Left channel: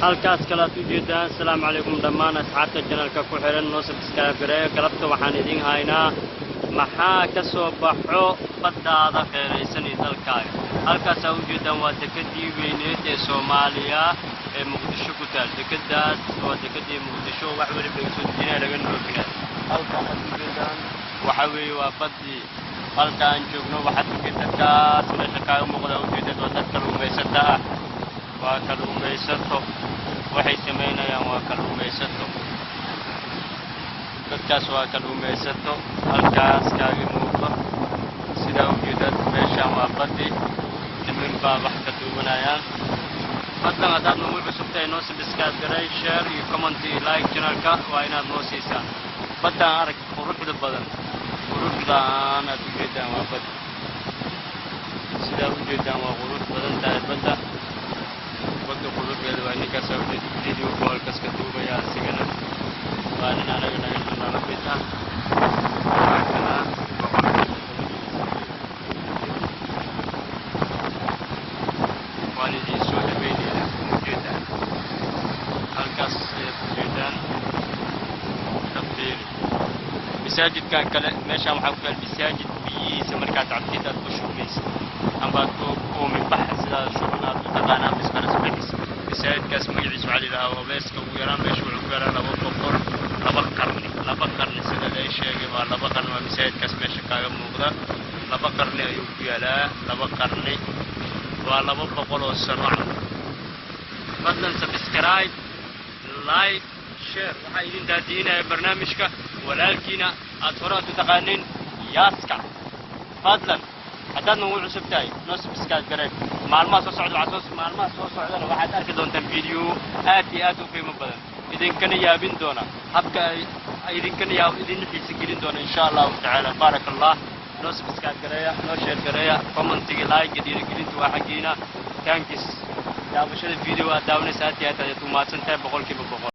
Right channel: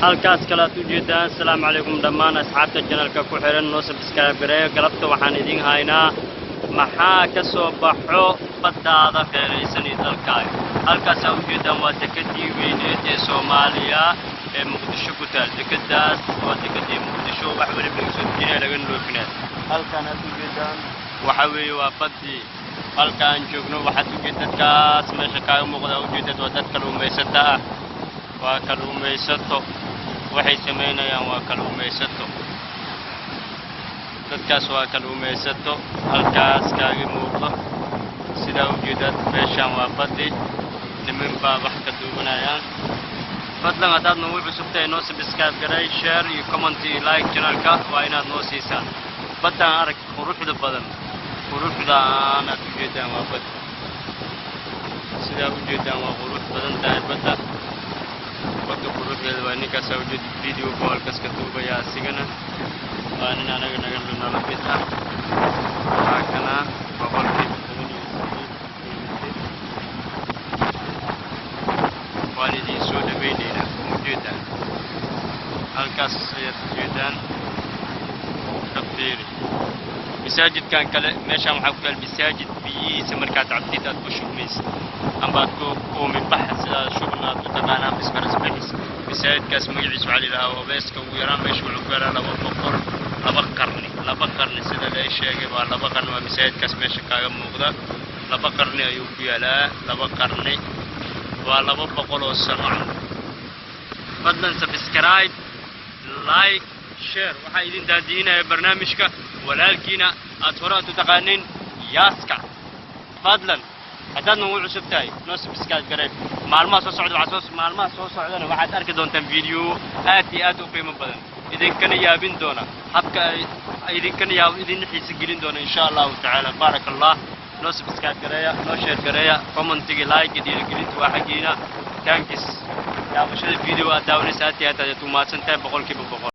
halkaas kala u jeedaan. Assalaamu calaykum dhammaan asxaabta channelka ku xiran noo subscribe gareeyo. galabta waxaan idin haynaa maxaa ka soo baxo baddaada qeeraysan ee dalkaaga. halkaas u jeedaan waa dekadii weyneed ee Soomaaliya ee Muqdisho ku taal. dekadaas waa dekadii Muqdisho wax waliba soo diinay laga noofina. halkaan u jeedaan waxa weeye waa baddii. halkaan joogno waxaad u jeedadkaas meesha kaaga muuqda u jeedad waa dad kalluumaysato ah. waa kalluumaysato waxay sameynayaan waa kalluumaysato. dadkaas waa kalluumaysato halkaas kaaga muuqda sida u jeedad meeshaan waa baddii. niman baa wax ka duwanayaan. fadlan haddaad nagu cusubtahay noo subscribe gareey, share iyo comment iyo like channelka waa inaad noo siisaan. baddaan arag quruxda badan quruxdaan aad u jeedaan waa badda. sidaa u jeedaan waa qurux badan tahay badda. badda quruxdeeda waa ninkaas u jeed video goolkaas ka duubaya asigana waa nin anaga naga mid ah. waa kana waan idin soo dhaweynaynaa ujeedaan. halkaas ayaad u jeedaan kafiiri masaajidkan kale meeshaan waxaa ku yaal masaajid biyihiisa markaad cabtid aad ku shubmaysid amba aad ku mibax sidaa shubana aad u taqaanaa misfarasbaxiis. masaajidkaas magaciisa waxaa la yidhahaa obeeska ugu yaraan meesha wuxuu ku yaalaa laba qarni sida la sheegay waa 2 qarni. waa masaajidkaas meesha kaaga muuqda 2 qarni ayuu ku yaalaa. 2 qarni waa 200 oo sano. fadlan subscribe like share waxaa idin daadiinaya barnaamijka walaalkiina aad hore u taqaaniin yaaska. fadlan haddaad nagu cusub tahay noo subscribe gareey. maalmaha soo socdana waxaad arki doontaan video aad iyo aad u qiimo badan idinkana yaabin doona habka idin xiisa gelin doona insha allahu tacaala. baarakallah. noo subscribe gareeya, noo share gareeya, commentiga like dhiirigelinta waa xaggiina. thanks daawashada video aad daawanaysa aad iyo aad u mahadsantahay 100%.